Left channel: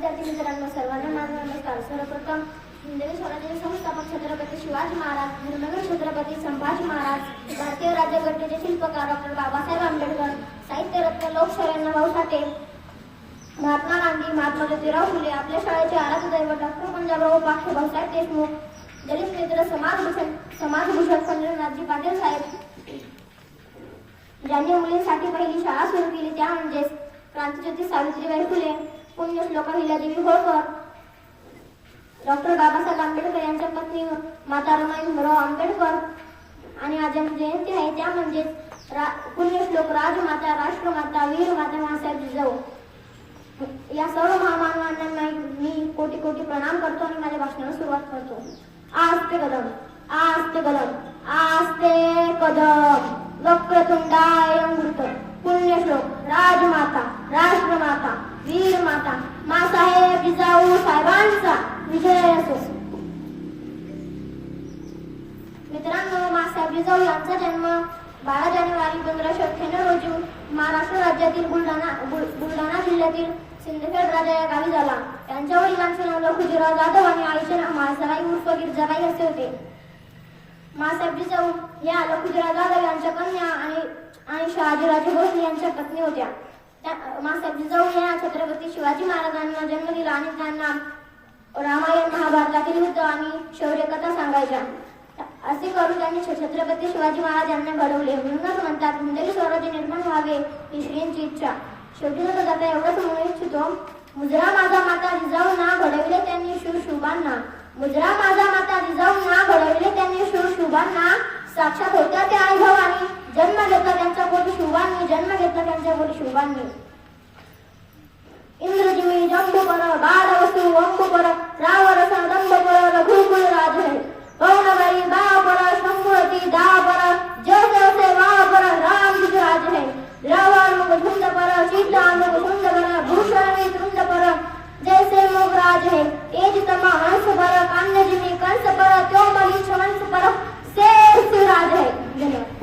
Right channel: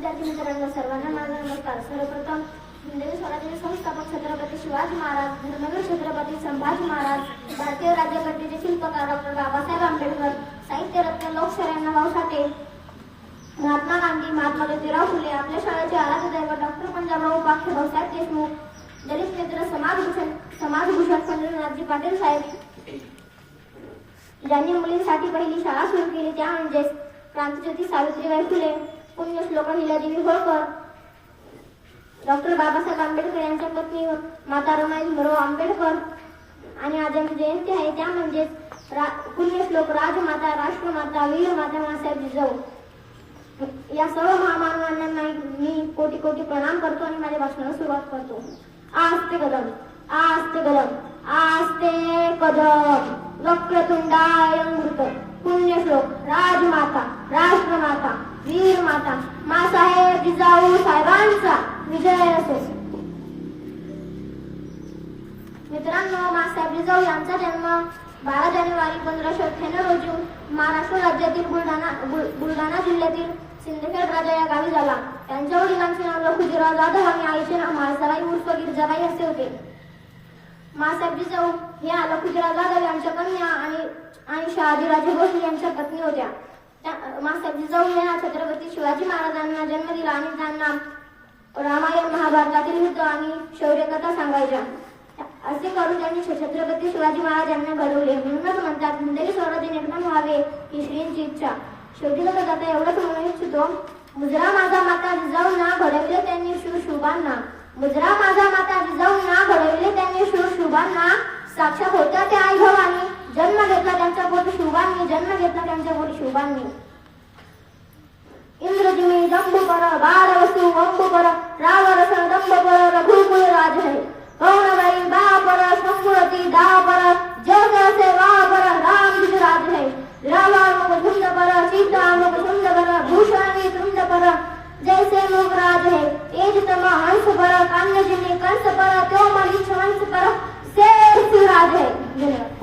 विद्यार्थी मित्रांनो, सर्वांना माझा नमस्कार. सर्वप्रथम हिंदवी स्वराज्याचे संस्थापक छत्रपती शिवाजी महाराज, धर्मवीर छत्रपती संभाजी महाराज, भारतीय राज्यघटनेचे शिल्पकार डॉक्टर बाबासाहेब आंबेडकर, साहित्यरत्न लोकशाहीर भाऊ साठे, महात्मा गांधी, महात्मा ज्योतिराव फुले, आपल्या शाळेचे आराध्य दैवत डॉक्टर पंजाबराव पाटील, भाऊसाहेब देशमुख, दलित मित्र समाजभूषण खंडूनाथजी पाटील साहेब, ज्यांनी मुलींसाठी पहिली शाळा सुरू केली त्या म्हणजेच क्रांतिज्योती सावित्रीबाई फुले, पुण्यश्लोक अहिल्यादेवी होळकर, डॉक्टर बाबासाहेब आंबेडकर यांच्या पत्नी माता रमाई भीमराव आंबेडकर. आणि आज यांची जयंती आहे त्या म्हणजेच पुण्यश्लोक राजमाता, राष्ट्रमाता, वीरमाता माँसाहेब जिजाऊ. या सर्व महामानवांना मी कोटी कोटी प्रणाम करतो आणि माझ्या भाषणाला सुरुवात करतो. आस्ते कदम, आस्ते कदम, आस्ते कदम, वक्रतुंडाय मृत, पुण्यश्लोक राजमाता, राष्ट्रमाता, वीरमाता माँसाहेब जिजाऊ साहेबांचा विजय असो. मित्रांनो, माँसाहेब जिजाऊ यांचा जन्म 12 जानेवारी 1598 रोजी महाराष्ट्र राज्यातील बुलढाणा जिल्ह्यातील सिंदखेड राजा या गावी झाला. त्यांच्या वडिलांचे नाव लखुजीराव जाधव आणि आईचे नाव म्हाळसराई उर्फ गिरजाराई असे होते. माँसाहेब जिजाऊ या लखुजीराव जाधव यांच्या कन्या आणि शहाजीराजे भोसले यांच्या पत्नी होत्या. माँसाहेब जिजाऊ या छत्रपती शिवाजी महाराजांना जन्म दिला आणि त्यांना रामायण महाभारतातील युद्ध आणि शौर्यकथा सांगायच्या. असे करून त्यांनी छत्रपती शिवाजी महाराजांना घडवले. म्हणूनच म्हणतात हिंदवी स्वराज्य निर्माण व्हावे ही श्रींची इच्छा. शेवटी न जाता एवढंच म्हणू इच्छितो, मुजरा माझा माता जिजाऊंना घडवले त्यांनी शिवशुभांना, मुजरा माझा माता जिजाऊंना घडवले त्यांनी शिवशुभांना, साक्षात होत्या त्या आई भवानी, जन्म घेतला त्यांच्या पोटी शुभांनी, जन्म घेतला त्यांच्या पोटी शुभांनी. इंद्रजिमी जंबुकर बारवसु वंबुकर रावरस दंबकर रघुकुल राज है, कौनवरी दापर शंभुरती दापर, जय जय से वापर राम राज है, रावण झुंड पर सीता झुंड पर भूषण झुंड पर, जैसे मुख राज है एज तमा